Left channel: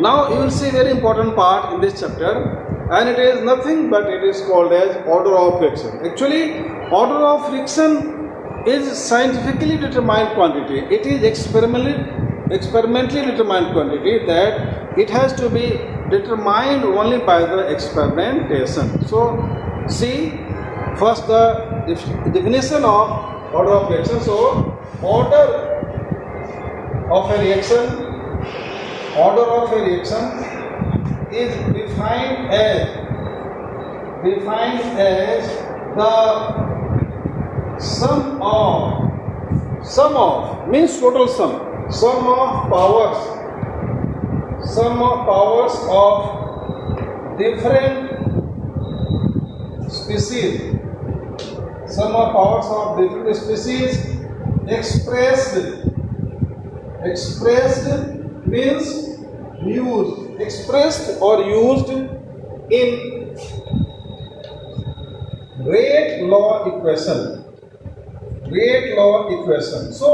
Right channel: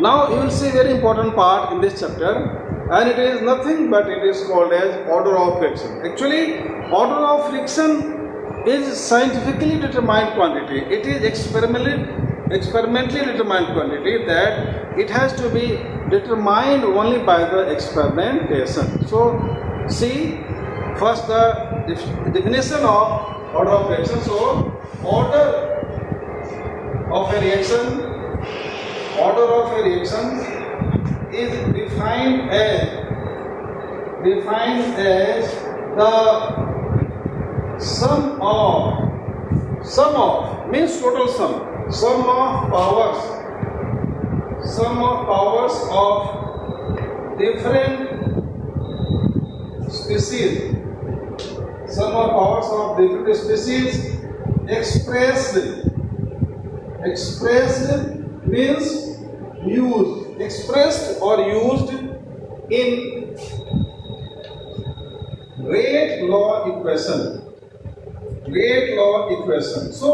Now you will see very important part in this chapter, and it is nothing but it is called as order of reaction. Actually, order of reaction is scientifically determined quantity. It is experimentally determined quantity, that it has to be determined only by the experimentation. So see first the definition of order of reaction. So order of a reaction is defined as the sum of means total sum of powers of different species, expressed means used, expressed or used in rate law equation. So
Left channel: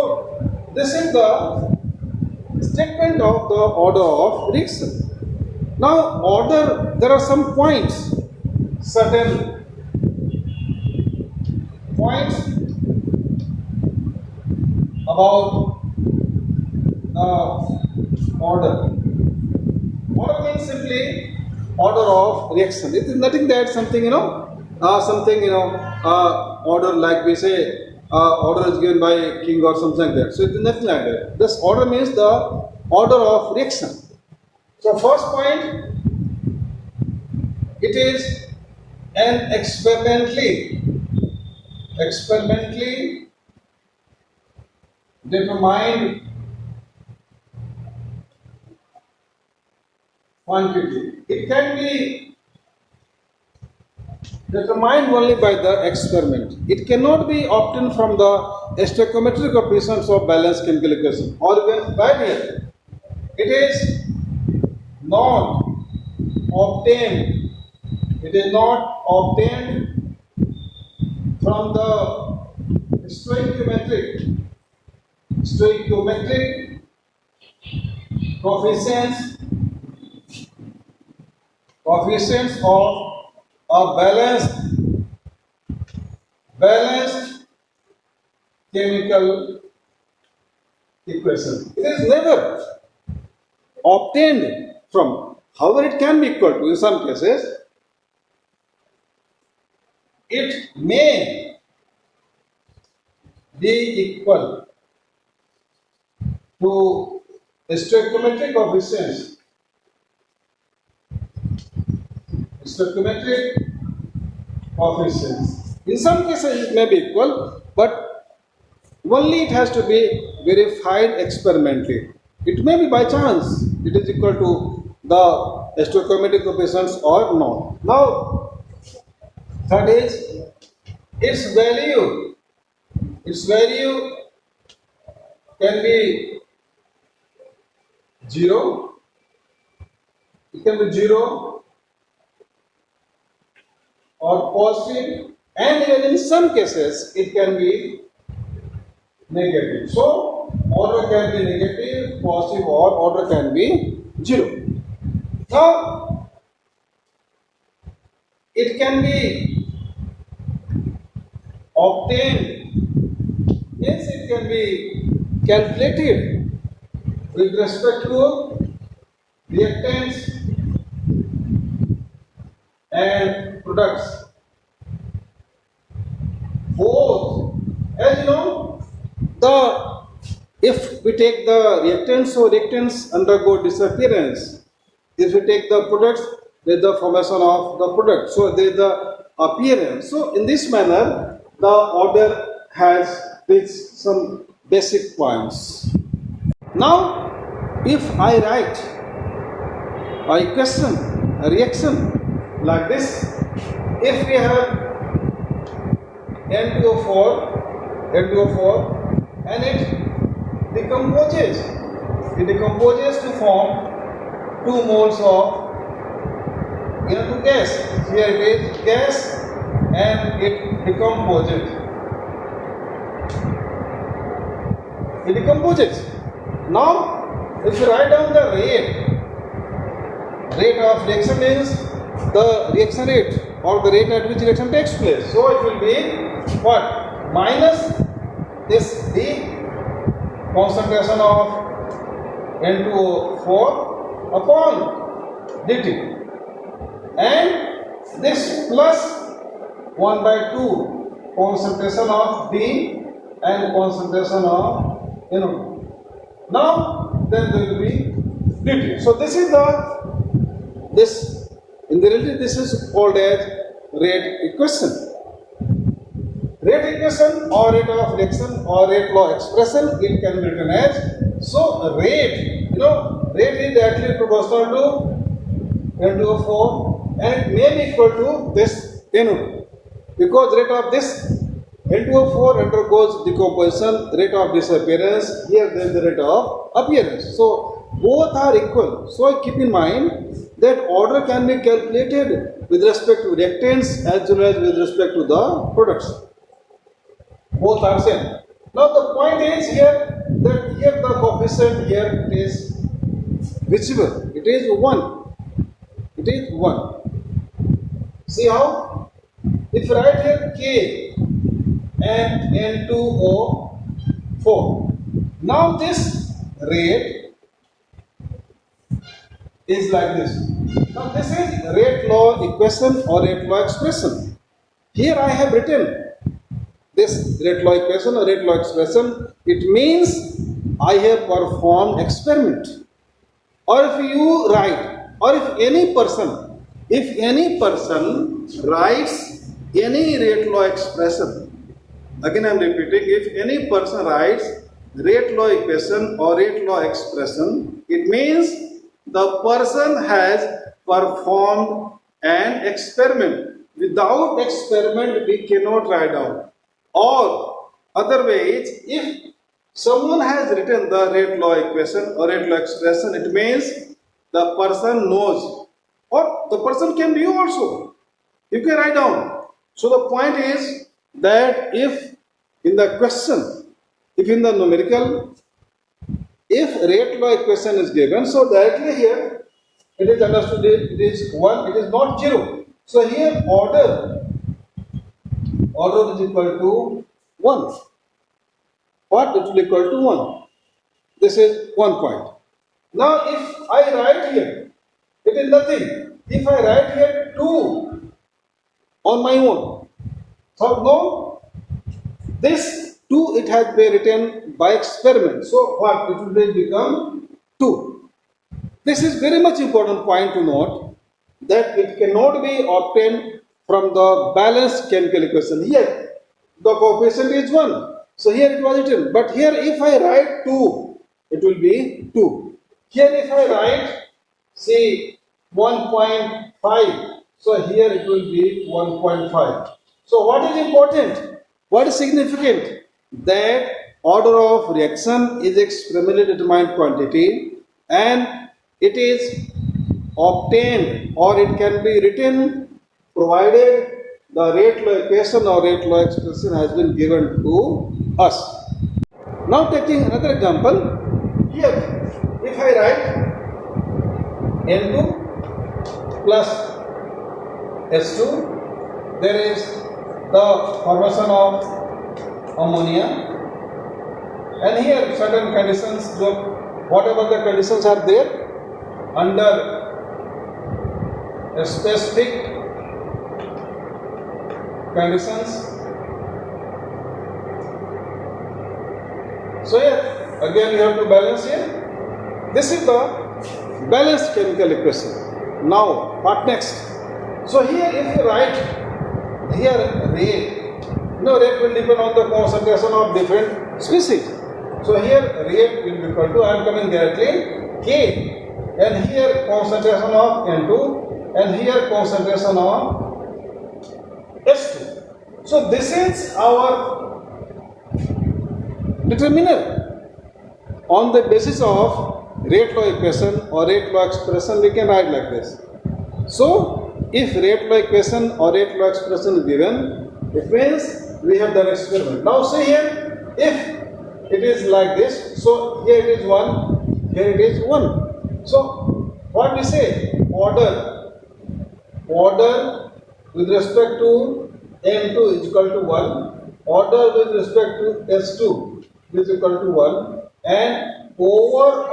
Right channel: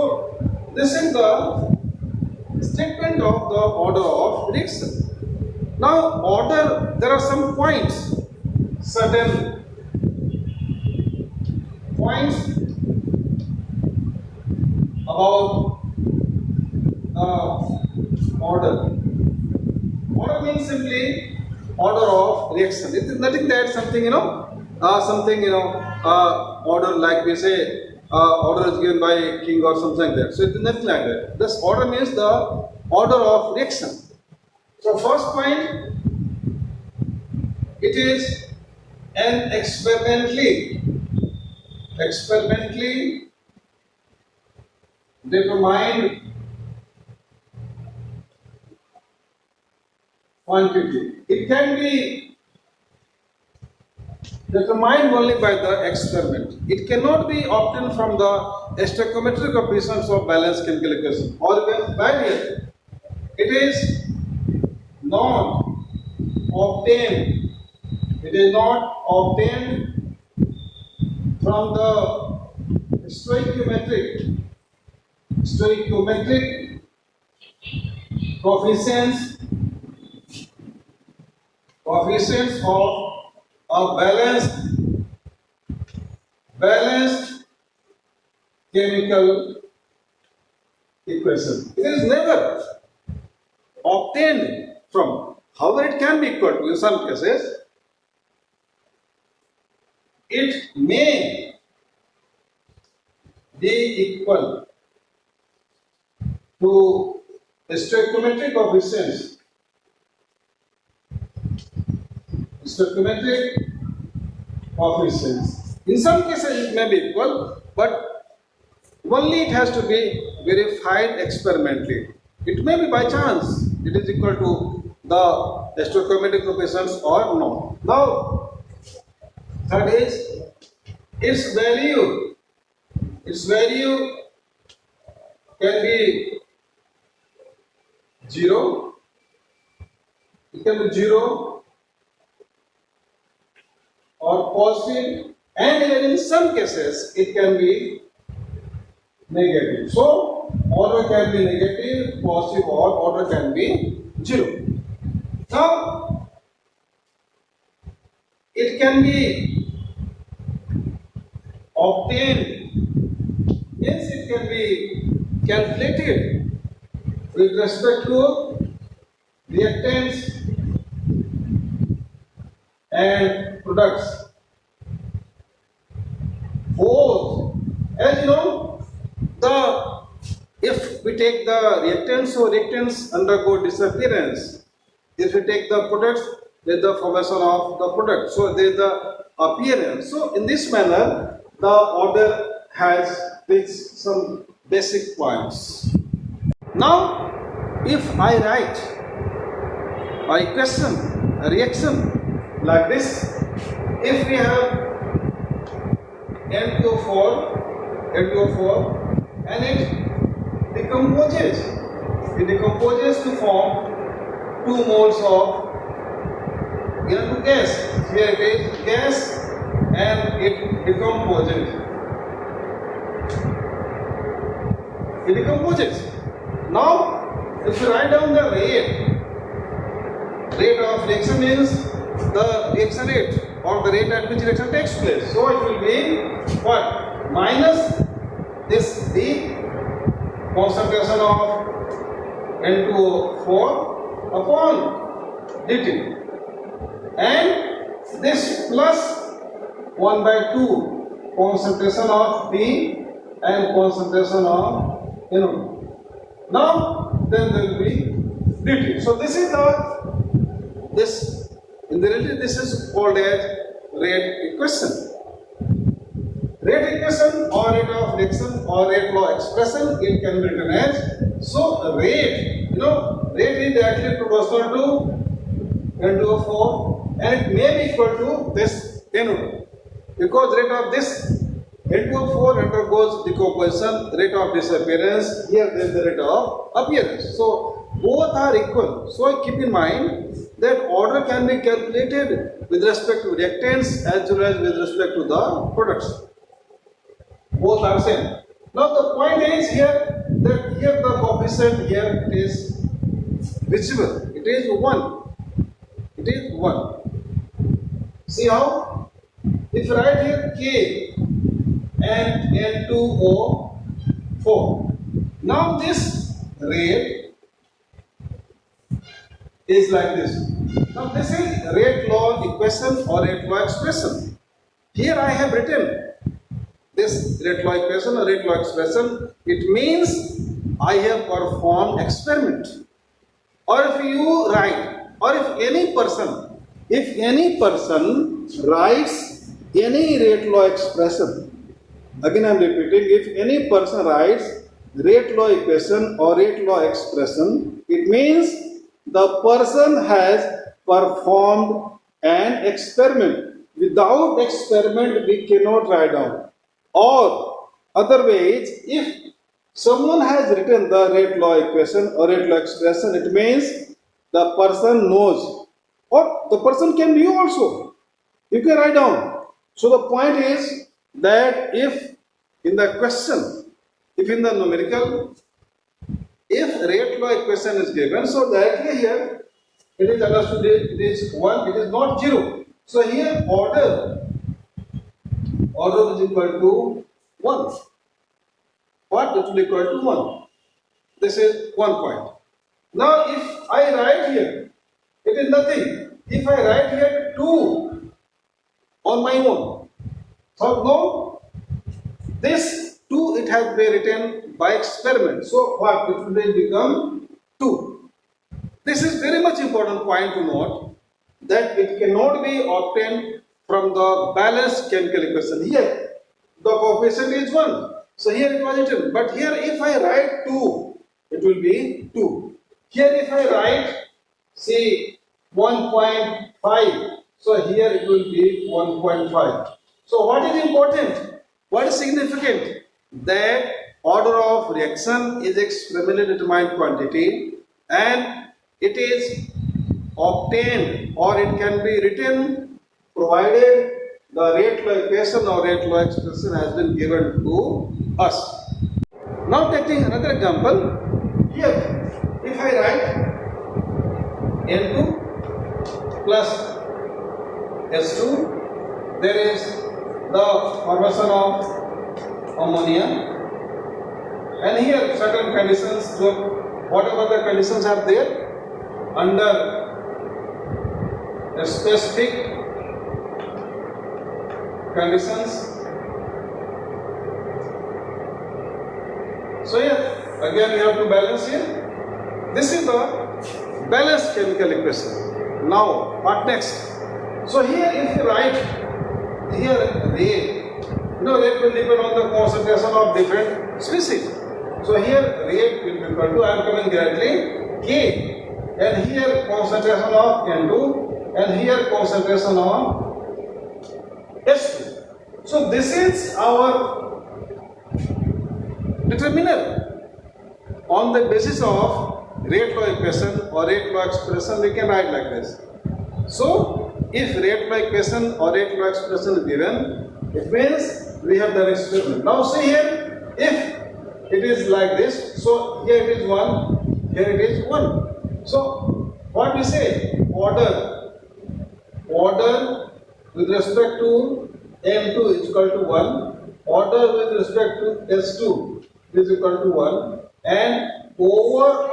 this is the statement of the order of reaction. Now order, there are some points, certain points about order. Order means simply order of reaction. It is nothing that something order like we say order is given by king or something like that. So it is nothing like that. This order means the order of reaction. So first point, it is an experimentally determined quantity. It can be determined only by the experiment. It cannot be obtained from the stoichiometric coefficients of balance calculation, or even barrier. It is not obtained. From the stoichiometric coefficients of a balanced chemical equation. It is never obtained from. However, it can be equal to, in some cases, it may be equal to stoichiometric coefficients. In some cases it may be equal, but only it has to be verified experimentally. It may be by chance it is equal to the stoichiometric coefficients or not. Now, third is its value. Its value can be 0. It can be 0 or positive, and even in some cases it can be negative. So order can be negative, positive, or order can be 0. Now it can be obtained, means it can be calculated with respect to reactants and products. Both, as you know, if we take the reactants, so reactants undergo disappearance. If we take the products, with the formation of the product, so there is the appearance. So in this manner, the order has its some basic points. Now, if I write a equation, a reaction like this, if we have N2O4 and it decomposes to form 2 moles of N2 gas. Here it is gas and it decomposes. Now, if you write down the rate Rate of reaction means the reaction rate or the rate at which reaction takes place. So it will be what? Minus this D concentration of N2O4 upon dt, and this plus 1 by 2 concentration of B and concentration of NO2. Now then there will be dt. So this is in the reality this is called as rate equation. Rate equation or rate of reaction or rate law expression, it can be written as, so rate, rate is actually proportional to N2O4 and it may be equal to this NO2, because rate of this N2O4 undergoes decomposition, rate of disappearance, here there is the rate of appearance. So both are equal. So keep in mind that order can be calculated with respect to reactants as well as with respect to the products. Both are same. Now the point is here that here the coefficient here is visible. It is 1. It is 1. See how? If I write here K and N2O4. Now this rate is like this. Now this is rate law equation or rate law expression. Here I have written this rate law equation or rate law expression. It means I have performed experiment. Or if you write, or if any person writes any rate law expression, again I am repeating, if any person writes rate law equation or rate law expression, it means the person has performed an experiment. Without experiment we cannot write down. Or otherwise, if someone has written the rate law equation or rate law expression, it means the person knows, or the person can be you also. You can write down. So the point is that if in the question, if in the numerical, if rate law equation is given, so directly here it is understood it is 1, it is not 0. So here order is equal to 1. What? It will be equal to 1. This is one point. Now if I write here, it is nothing. If I write here 2 on my own, so no, this 2 it has been written by experiment. So what? It will become 2. This is very much important point to note, that it cannot be obtained from the balanced chemical equation. Here the coefficient is 1. So here it was written. But here if I write 2, it will be 2. Here if I write say 1.5, so here it will be 1.5. So what is important? What is significant? That order of reaction is experimentally determined quantity and it is obtained or it can be written provided the rate law equation or rate law expression has been given to us. Now taking another example, here if I write N2 plus S2, there is the formation of ammonia, and here certain conditions, whatever the conditions are there under a specific conditions. So here again you have to balance here. This is the balanced chemical equation. Now what next? So here if you write here rate, rate will depend on the concentration of different species. So here rate will be equal to, I am coming directly, K, and here concentration of N2 and here concentration of S2. So this is our determiner. On the basis of rate law equation or rate law expression, we can write like this. So if rate law equation or rate law expression is given, it means we have done experiment. Now see here, if it is like this, so here it is 1, here it is 1. So what we say? Order with respect to M2 is equal to 1, order with respect to S2 is equal to 1, and overall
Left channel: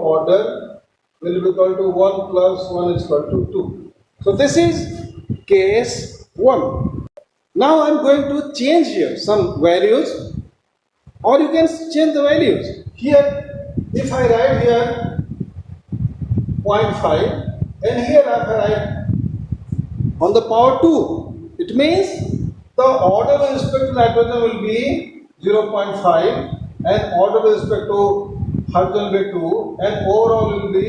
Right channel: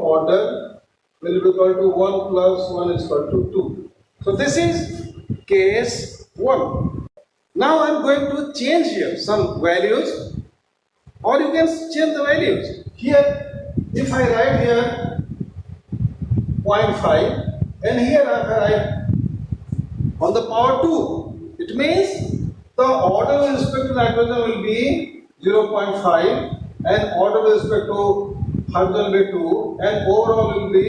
order will be equal to 1 plus 1 is equal to 2. So this is case 1. Now I am going to change here some values, or you can change the values. Here, if I write here 0.5 and here I write on the power 2, it means the order with respect to nitrogen will be 0.5 and order with respect to hydrogen will be 2 and overall will be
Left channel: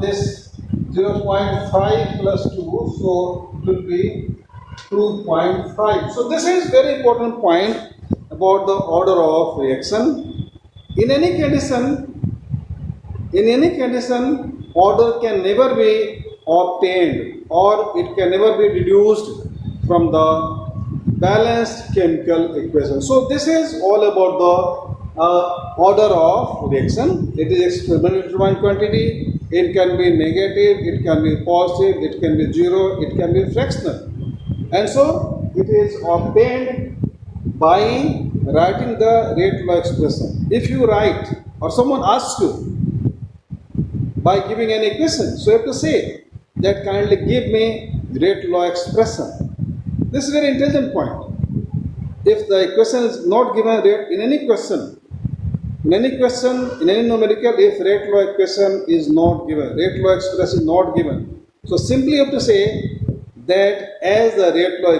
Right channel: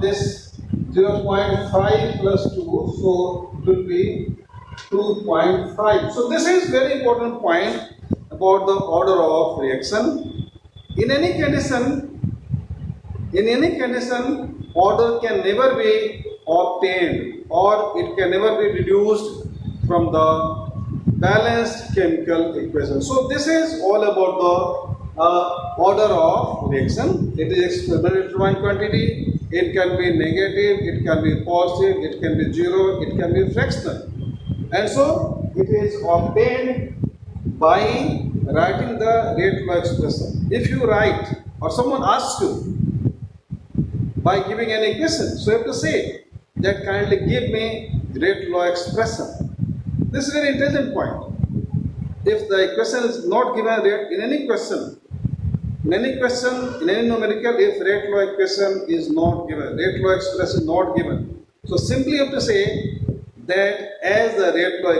this 0.5 plus 2, so it will be 2.5. So this is very important point about the order of reaction. In any condition, order can never be obtained or it can never be reduced from the balanced chemical equation. So this is all about the order of reaction. It is experimentally determined quantity. It can be negative, it can be positive, it can be zero, it can be fractional. And so it is obtained by writing the rate law expression. If you write or someone asks you by giving an equation, so you have to say that kindly give me rate law expression. This is a very intelligent point. If the equation is not given in any question, in any numerical, if rate law equation is not given, rate law expression is not given, so simply you have to say that as the rate law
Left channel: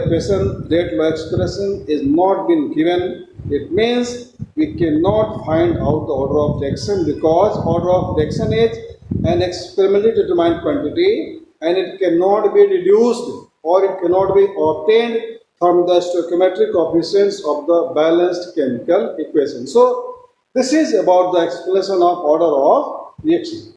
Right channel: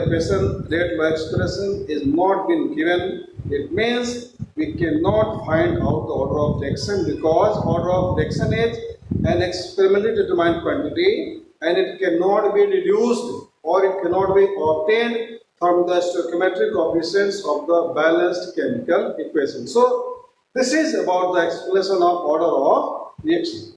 expression is not been given, it means we cannot find out the order of reaction, because order of reaction is an experimentally determined quantity and it cannot be reduced or it cannot be obtained from the stoichiometric coefficients of the balanced chemical equation. So this is about the explanation of order of reaction.